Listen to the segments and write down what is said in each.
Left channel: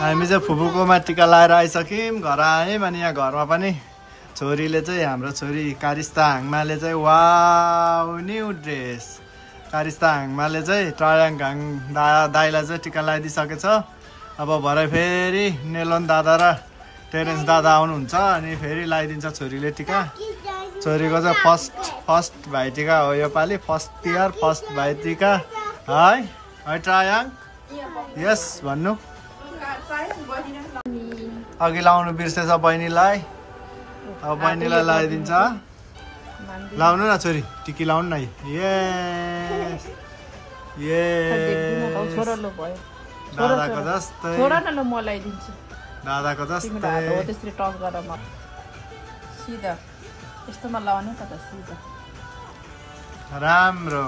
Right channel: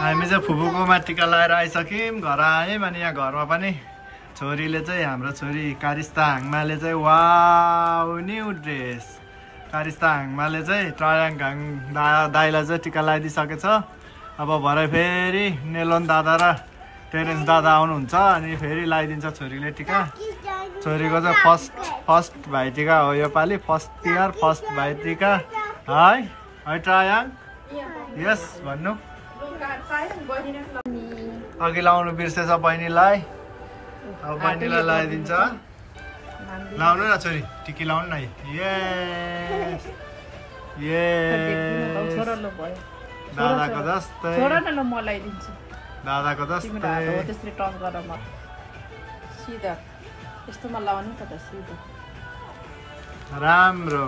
हामी चाहिँ फुपूकोमा टिका लाएर आइसक्यौँ घर आयौँ अनि यहाँ घरमा पनि छोरीले चाहिँ हाम्रो छोरी कारिस्ता हाङमाले चाहिँ वाउ न्यू ड्रेस कारिस्ता हाङमाले चाहिँ ट्रायाङ दाइलाई चाहिँ टिका लगाइदिइसकेछ अब भरे फेरि नेलोन दादा र टेरेन्स दादा आउनुहुन्छ अनि फेरि लगाइदिन्छ छोरीले टिका छोरीको चाहिँ फर्स्ट भाइटिका हो यो पालि फर्स्ट इयर फर्स्ट भाइटिका है ट्रायाङ यस भन्नु अघि लाउनु बिर्सेछ बहिनीलाई अब बहिनीलाई लगाइदिन्छ लाउनु न छोरी टिकी लाउनु न यस यस दादाको जस्तै दादाको जस्तै राम्रो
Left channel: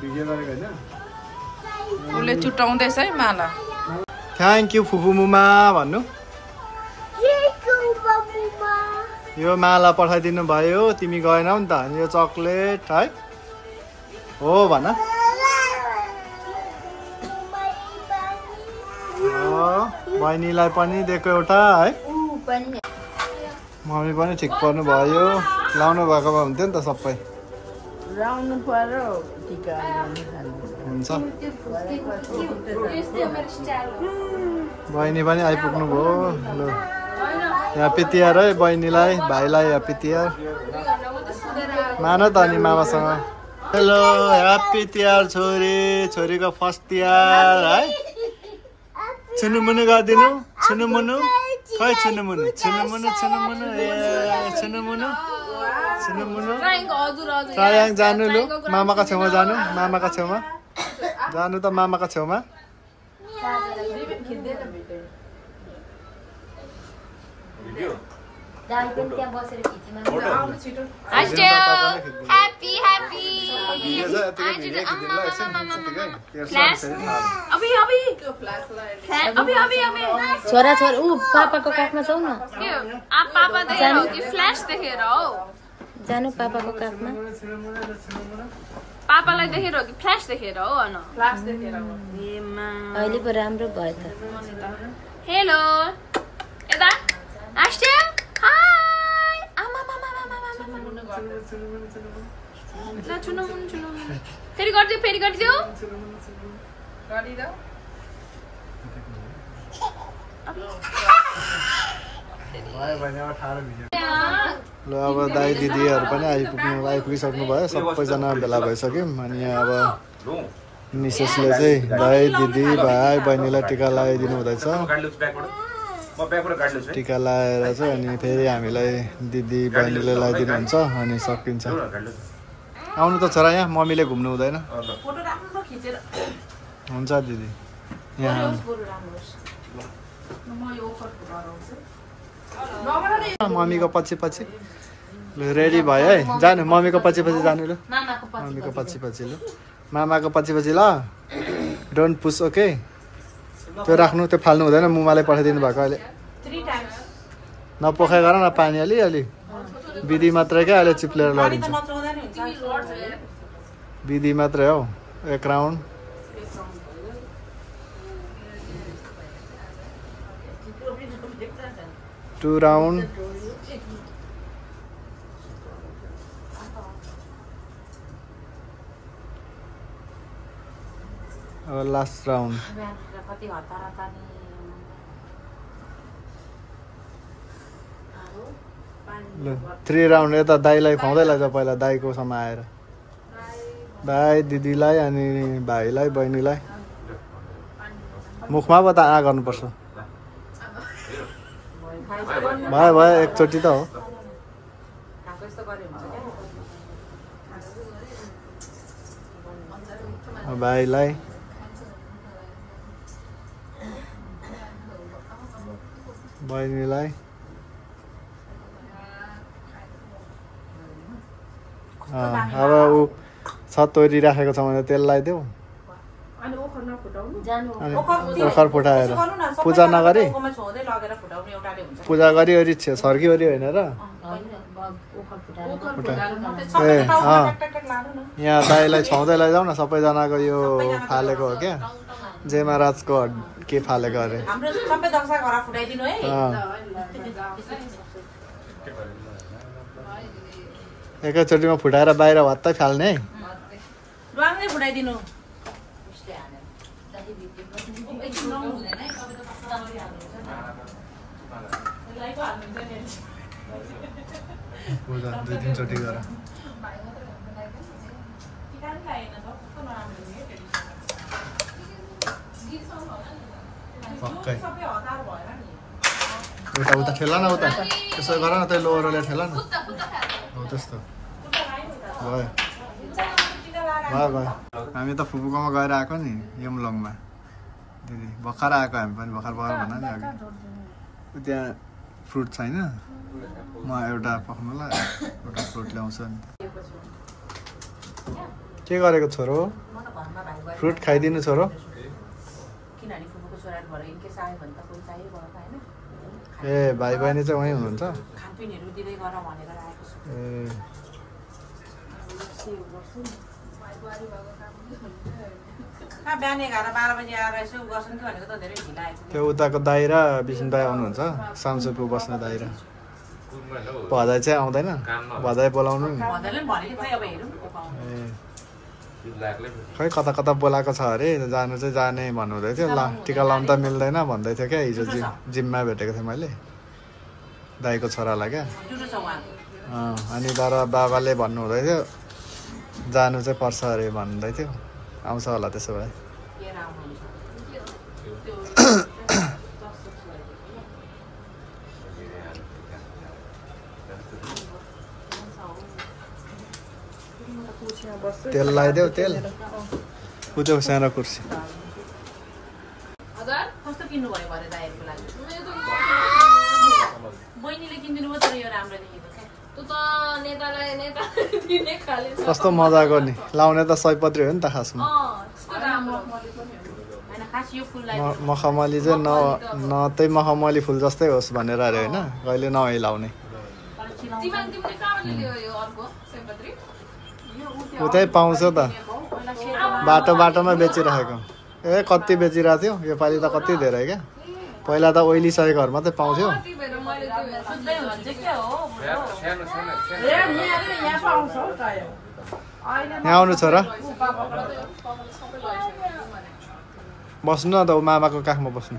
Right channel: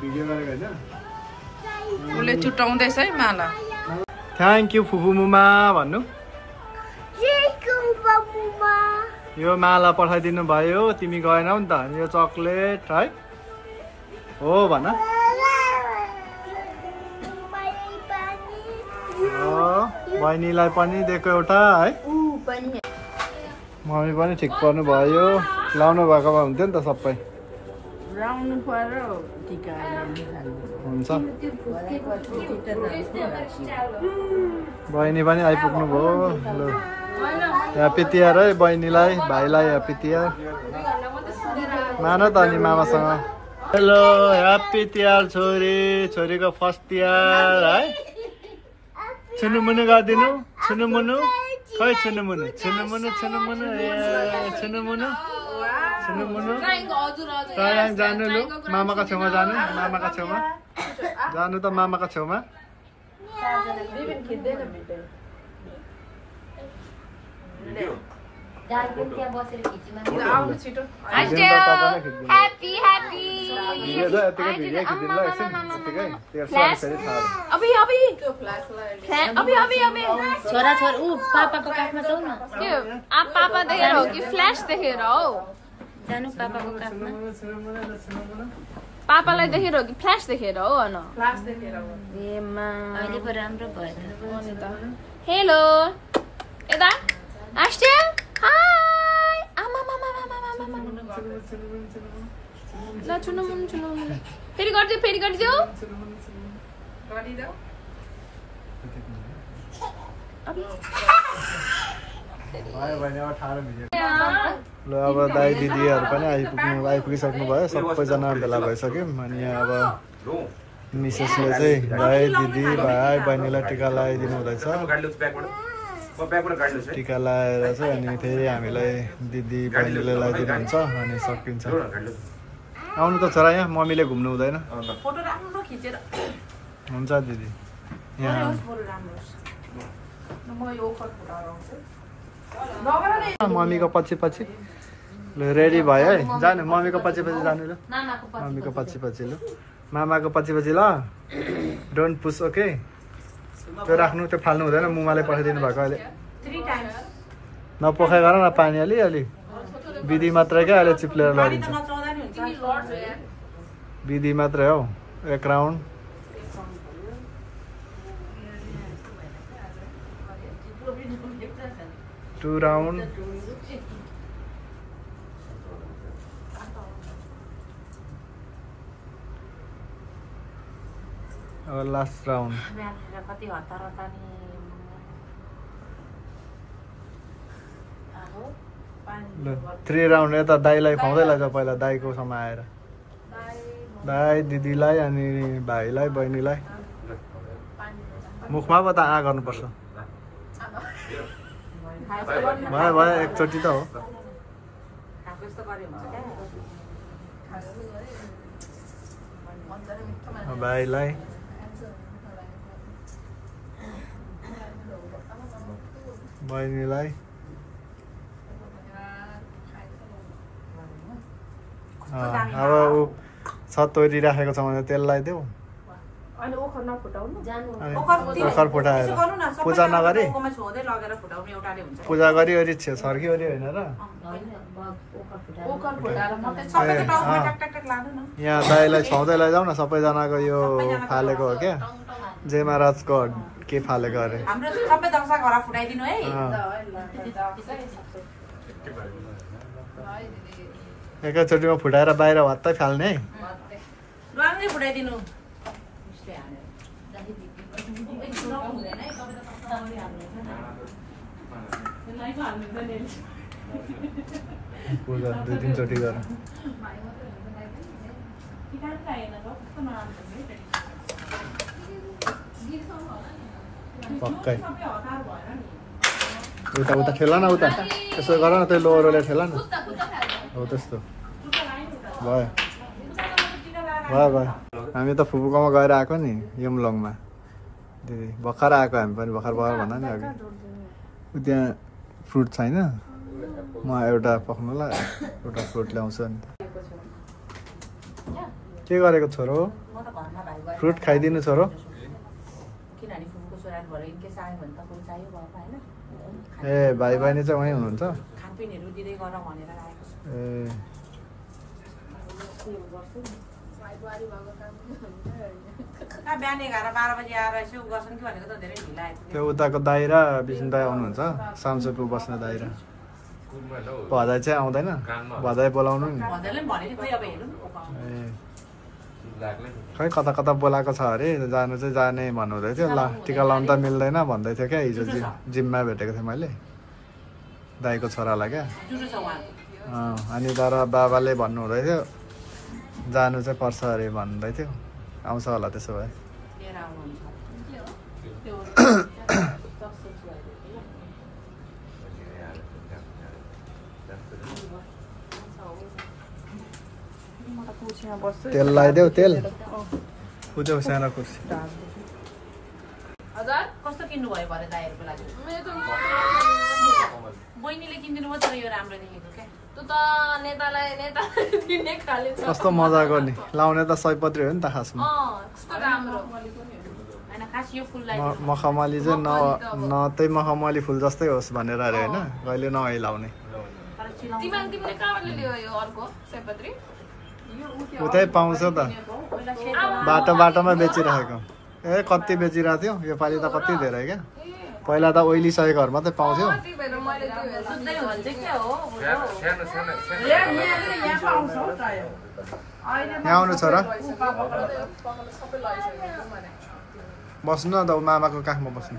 भिडियो गरेको होइन उसले चुटाउँदैछ है माला थ्याङ्क यू फुफू मुमा भन्नु यो माला पठाइदिनु भयो तिमी गएनौ नि त यो चक्लेट है हो भन बहिनीलाई पनि दिएको एउटा है मम्मी पनि ठिक पर्नु भयो लाउनु भएको भए हुन्थ्यो नि त सबै हुन्छ बहिनी पनि आइपुग्नु भयो ल ह्याप्पी तिहार है बहिनीलाई भाइलाई ह्याप्पी तिहार मान त अनि मामासँग हेलो ह्याप्पी तिहार छोरीको फर्स्ट तिहार है छुनुमुनु गरिदिनु छुनुमुनु खै छुनुमुनु ए छुनुमुनु ट्रायाङ जानु लु मामाको छेउमा जानु मामाको छेउमा जानु त मामाको छेउमा छोरा पापाको काखमा छौ न जानु पापाको काखमा पापालाई देखेर हो कि फ्ल्यास देखेर हो अन फ्ल्यास देखेर हो अहिले पो राम्रो भयो त हेलो यता आस्टे हाय आमा फेरि गर्दियो गरिदिऊ ल अब दाइ दिदीहरू पनि आइपुगिसक्नु भयो सबैजना भेला भइसक्यौँ अनि यहाँ अब मिसेसले चाहिँ दाइ दिदी भाइ बहिनीलाई टिका लगाइदिनु हुँदैछ टिका लगाएर चाहिँ अनि फेरि हामीलाई दिदी बहिनीले लगाइदिनु हुन्छ अनि सकिन्छ आउनु त छोरा यहाँ मम्मीले घुम्नु हुँदैन हुन्छ दिदी यहाँ मम्मीको पछि ल रेडी भयो है जानु मम्मीको पछि जानु ल मम्मीको पछि ल मामाको पछि ल डोन्ट पुस ओके त्यो राख्नु त्यो फाल्नु हुँदैन मुमाले पठाइदिनु भएको अहिले नपोखाइ गर न पानी अलि विधि मात्रै क्या अहिले चिप्लेर लडिन्छ विधि मात्रै हौ एक राउन्ड टू राउन्ड अब लास्ट राउन्ड ल 3 राउन्ड यता दाइलाई खुवाउँदै लैज पहिला दाइको सम्म आएर दाइ दिदीलाई अनि भाइलाई बहिनीलाई मुखमा पो त आ गर्नुपर्छ भयो एकचोटि त हो भाइलाई बहिनीलाई अब ऊ छत तोरी राखेको छ भने त्यसलाई देऊ ओखर फुटाएर पूजा नगरी पूजा गरी सरकी होइन र यहाँ दाइलाई छाउँदै लैजाऊ न सबैजनाको यो फालेको हो क्या जेमा राजको के फालेको अरे एकैचोटिमा फुटाएर बाहिर भत्तै फाल्ने पूजा 2-3 चोटि गर पक्कै उता उता ठेला न उता त्यसो गर न त्यो लोहोरोले ठेला न हो त्यस्तो भयो भयो भयो हामी त फुपूकोमा गएर आएको नि यमलङमा दिदी भर्खर आएको हामी पनि भर्खर भयो भन्दा नि अघि त्यहाँ फ्रुट छैन म एउटा पक्नुलाई एउटा फ्रुट ल्याउँछु नि के गरेको छोरो फ्रुट खाइदिनु छोरो ए भाइ बहिनी चाहिँ वहीँ हुनुहुन्छ ए त्यो उताको दाइ र विष्णु दाइ आउनुहुन्छ सामसुपु बस्ने दाइ र भदाइ चाहिँ आउँदैन भदाइ बोलाउनु नि ए खै कता कता बोलाएको छ अरे जानु चाहिँ जाने भन्नुहुँदै थियो ल टिका लाउनु त मिल्दैन भन्दै थियो क्या हिजो जिममा भेटेको थिएँ मैले दाइको छोरालाई क्या अनि तर बाबाले भन्नुहुँदै थियो जानु चाहिँ पर्छ अरे भन्दै थियो आउँछ होला त्यसो भए तेल लगाइदेऊ तेल उद्योग सानो कुर्सी कस्तो किन्नु भयो भने दाइहरुको लागि बहिनीले किन्दिनु भयो तर यो राम्रो देखेको क्या तँ त नेतालाई नेता दिने खाले कस्तो मजाको नि लाउने त सयपत्री हो नि त खासमा कस्तो राम्रो हैन खास यो फुललाई मखमली चाहिँ न त्यही मखमली फुल जस्तै होस् भनेर अरे हैन कहिले नहै लाउने तिमीले कहाँबाट ल्यायो यो अर्को सयपत्री उतै पाउँछ त बाटो बाटोमा बेचिरहेको ए कति बेचिरहेको थियो योपालि त कति धेरै क्या पहिला त ओइलिसकेको घर मात्रै पाउँथ्यो यहाँ आउनु छोरा बस्नु न त मामाको काखमा बस्नु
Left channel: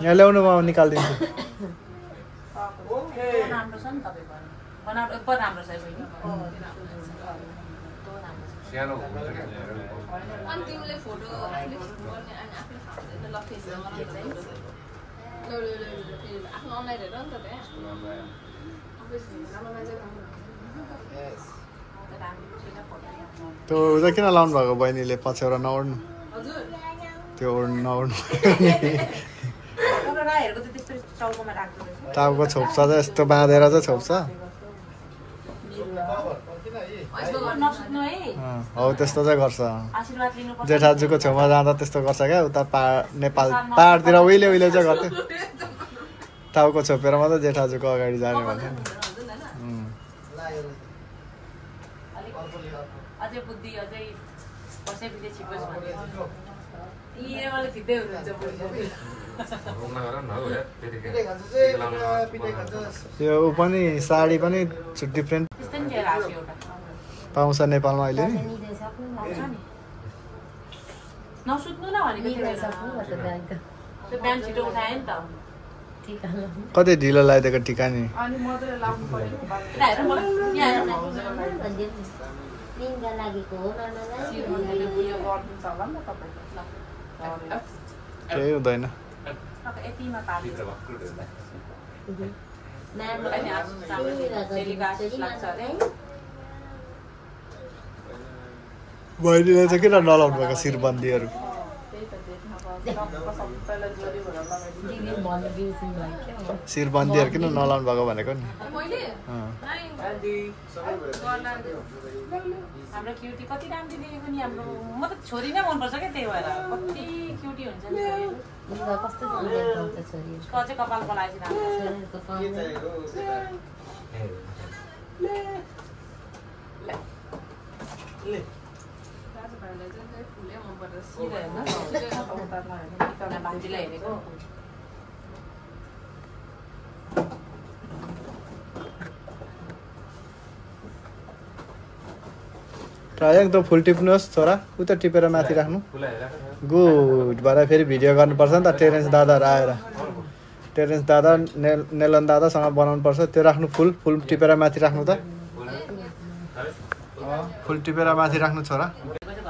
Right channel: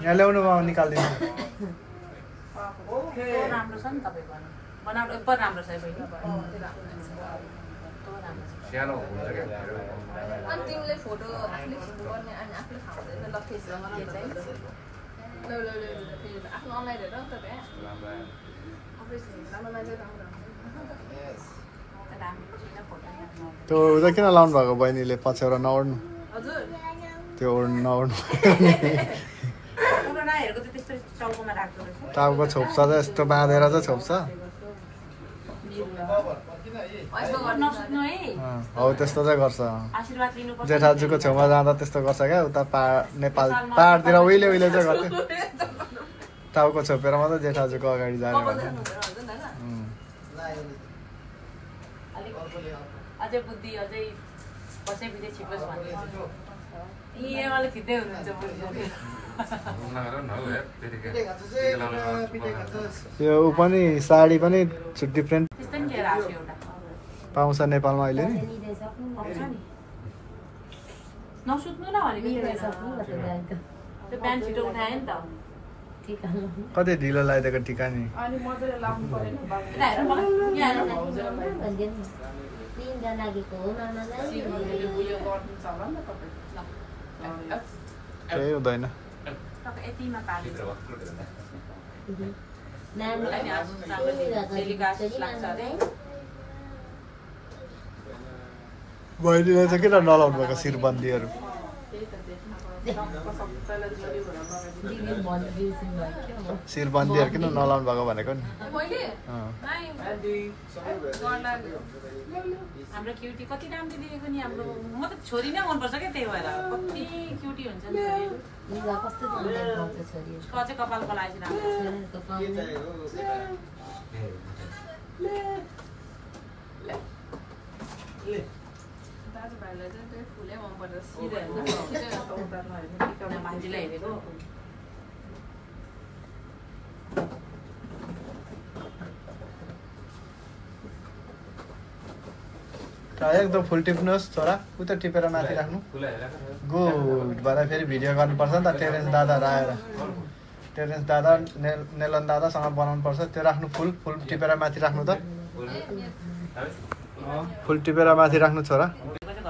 यहाँ ल्याउनु म निकालिदिन्छु राम्रो छ नि तपाईको बनाउनु उपर राम्रो छ बहिनी सानो हुन्छ के अनि तिमीले फोटो गर्ने अनि आफ्नो लोकेसन आफ्नो अनलाइन हेर नि त त्यहाँ त्यो उता किन लाउनु भएको बहिनीले पछ्यौरा नओड्नु त्यो नओड्नु टाउको छोप्छ चाहिँ यस्तो बाँधेर चाहिँ छोप्छ हौ त्यस्तो चाहिँ गर्छ जेठाजुको छेउमा जाँदा त्यस्तो गर्छ क्या उता नेपाल पाहाडतिर उहिले उहिले चाहिँ गर्थ्यो टाउको छोपेर मात्रै जेठाजुको अगाडि जाने भन्थ्यो नि अझै बुद्धि अझै कसैपछि छिपोस् भन्ने त्यो ऊ पनि साडी पनि डिफ्रेन्ट पाउँछ नेपालमा अहिले नि नसुत्नु न भनेको त्यो बिहान छिटो उठायो नि त कति ढिलो लगाइदिएको टिका नि केही हुँदैन बहिनीले चाहिँ किन नलाउनु भएको शिरबन्दीहरू शिरबन्दीहरू किन नलाउनु भएको भनेको नि हाम्रो क्युटी कति राम्रो देखेको नि हाम्रो म त छोरी नै मनपर्छ क्या त्यही भएर कति क्युटी हुन्छ नि कस्तो पाउँछ छोरी अझै कपालको लागि राम्रो दाजुभाइलाई चाहिँ त्यही फुलै मनपर्छ भान्जीलाई हेरेको एकदम फुल टिप्नुहोस् छोरा उता टिपेर माथि राख्नु गुड भएर फेरि भिडियो गर्नुपर्छ नि त टेरेन्स दादाहरू आएर टेरेन्स दादा नेलन दादासँग बनाउनु पर्छ त्यो राख्नु फुल टिपेर माथि राख्नु त फुल टिपेर माथि राख्नु छोरा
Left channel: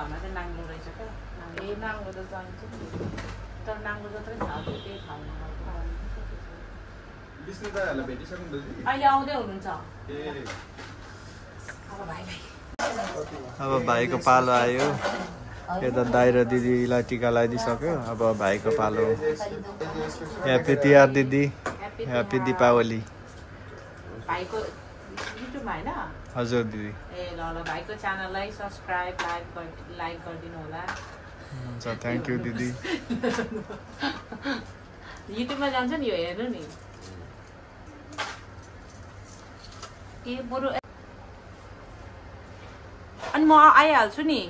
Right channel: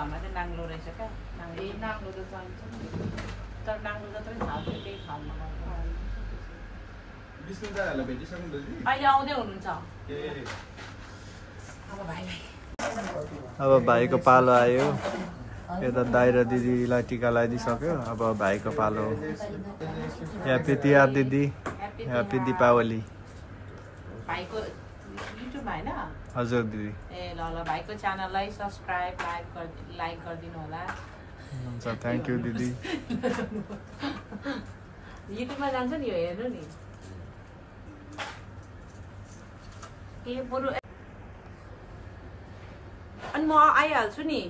घरमा चाहिँ नाङ्लो रहेछ क्या नाङ्लो त चाहिन्छ तर नाङ्लो जत्रै थाहा त्यही ठाउँमा अहिले आउँदै हुनुहुन्छ अब भाइलाई अब भाइको पालो आयो यता दाइ र दिदीलाई टिका लगाइदिइसक्यो अब भाइको पालो ह्याप्पी तिहार दिदी ह्याप्पी दीपावली भाइको युट्युबमा होइन हजुर दिदी ए ल भाइको च्यानललाई सब्सक्राइब लाइक गरिदिनु होला हुन्छ थ्याङ्क यू दिदी युट्युबमा जान्छ नि यो हेर्नु नि के बरु अनि म आइहाल्छु नि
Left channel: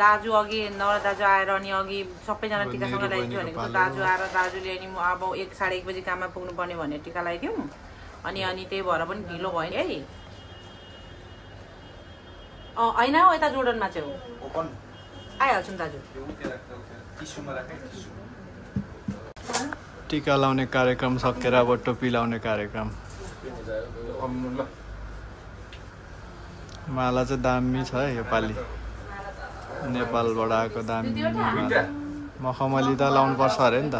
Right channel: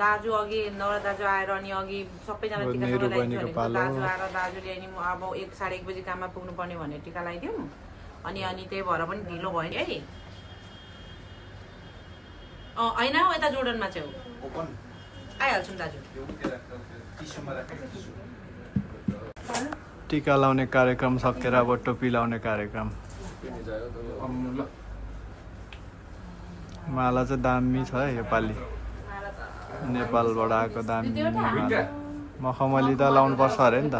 दाजु अघि नर दाजु आएर अनि अघि सबैजना टिका दाजु आएर दाजुले अनि म अब 1-1:30 बजी काममा पुग्नु पर्ने भनेर टिका लगाइदिउँ अनि त्यही भएर पनि ढिलो भयो नि है होइन यता जोर्डनमा चाहिँ हो आइहाल्छु नि दाजु टिका लाउने कार्यक्रम सकेर अब टोपी लाउने कार्यक्रम माला चाहिँ दामी छ है योपालि नेपालबाट आएको दामी माला मखमली त लाउनु पर्छ अरे नि त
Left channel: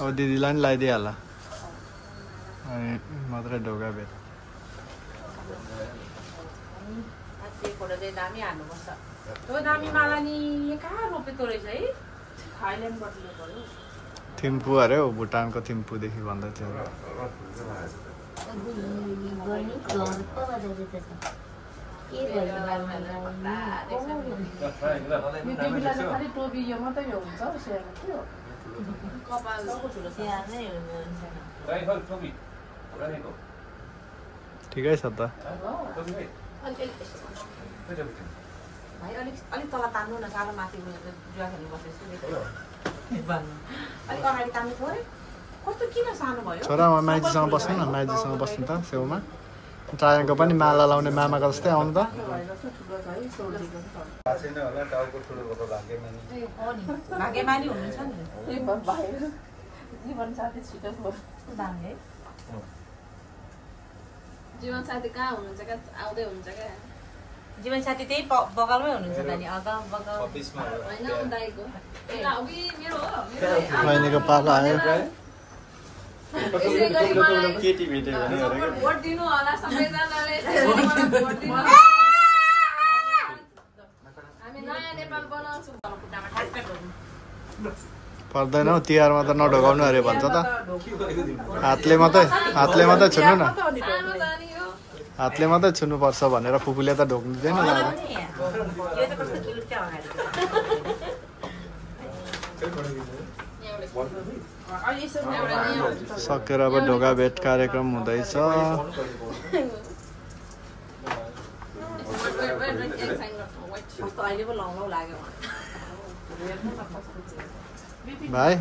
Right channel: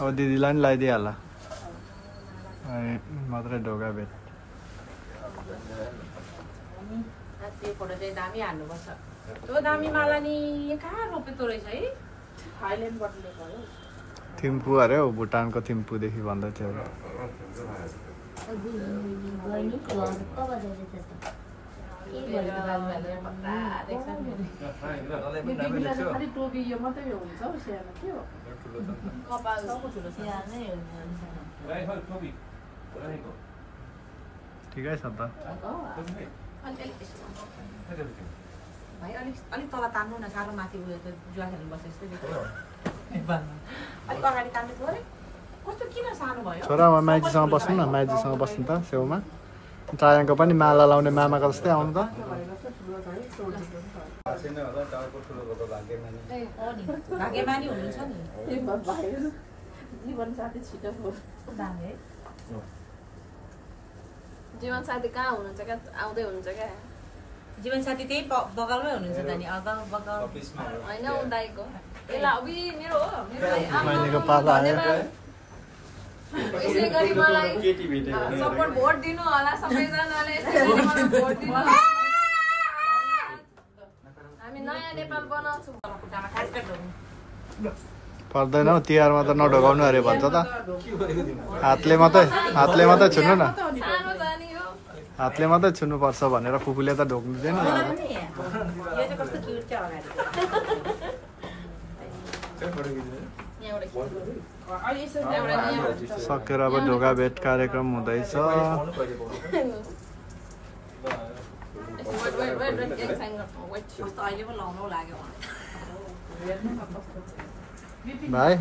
अब दिदीलाई नि लगाइदिइहाल्ला मात्रै ढोका भेट फोटो चाहिँ दामी हाल्नुपर्छ त्यो दामी माला नि कहाँ रोपेको रहेछ है थाइल्यान्डबाट ल्याएको हो थिम्पू अरे हो भुटानको थिम्पूदेखि भन्दै थियो ठिकै छ त भाइ अलिक तल तान्नु न साह्रो माथि उयो जुवा खेल्नु बस्छ जस्तो देखियो अलिक अगाडि तान्नु थोरै कस्तो किन सानो भयो छोरा म माइजीसँग बस्नु न माइजीसँग बस्नु त छेउमा चायाङको पनि माला लाउने मामाको जस्तै आउनु त भाग्यमानी हुनुहुन्छ नि जीवन साथी छिटो जीवन साथी कहाँ हुनुहुन्छ क्या आउँदै हुनुहुन्छ क्या जीवन साथी त्यही बगलमै हुनुहुन्छ त नि अगाउ बगाउ होइन दाइको अघि मेरो बहिनीको पालो आयो यसै गरी मलाई सपोर्ट भोट दिनु होला सबैजनाले भोट दिनु हामी नयाँ नेपाल बनाउँछौँ पर्दैन हौ तिहारमा त नढोकाउनु अरे भन्छ त हातले मात्रै छुनु न हातले मात्रै छुनुपर्छ भनेर फुपूले त ढोक्नु दिँदैन सकेर अब ढोका भेट कार्यक्रम हुँदैछ भाइ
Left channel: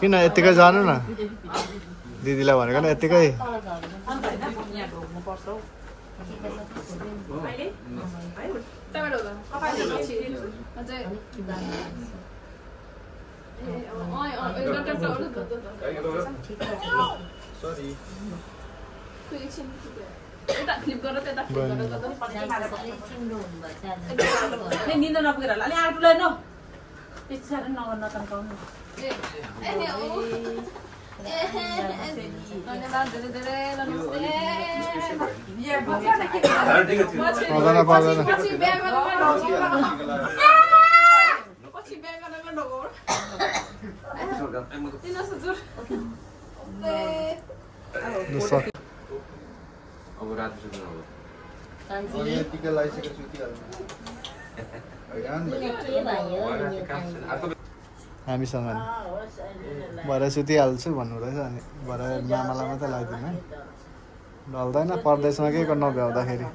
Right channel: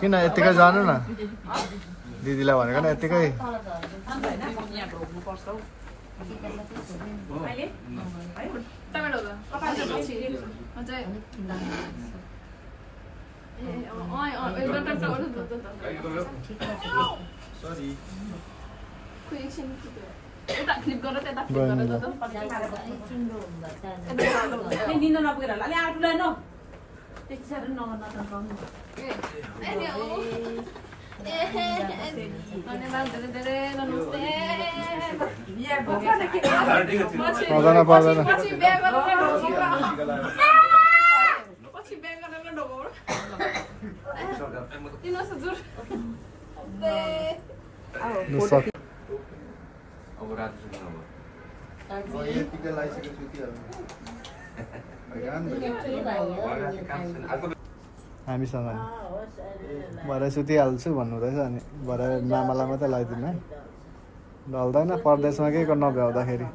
किन यत्तिकै जानु न दिदीलाई भनेको न यत्तिकै निन्द नपुगेर अलि आठुलाई न पिक्चर नगर्न तन्काउनु धन्यवाद धेरै नमस्ते पर्दैन हामीसँग नि भरे सुतिहाल्छु भन्नु रहेछ अनि भरे मामालाई मात्रै लगाइदिनु है ढल्दैन परदेशमा के को नभ्याउँदाखेरि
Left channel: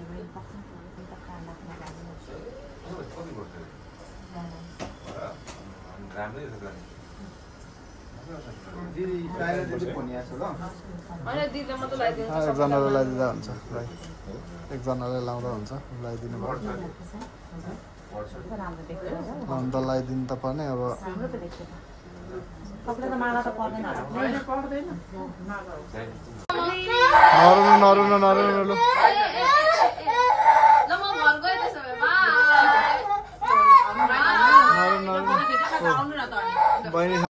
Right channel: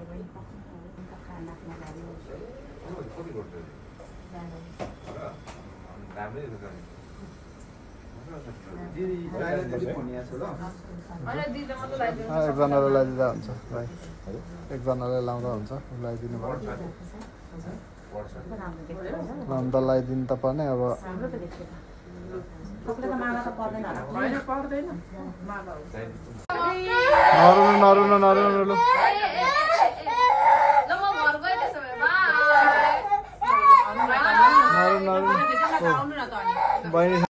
एकजनाले लगाइदिँदा हुन्छ भाइ एकजनाले लाउँदा हुन्छ लगाइदिनु भयो अन्त लगाइदिनु त पर्ने अब नरुनु लु बहिनी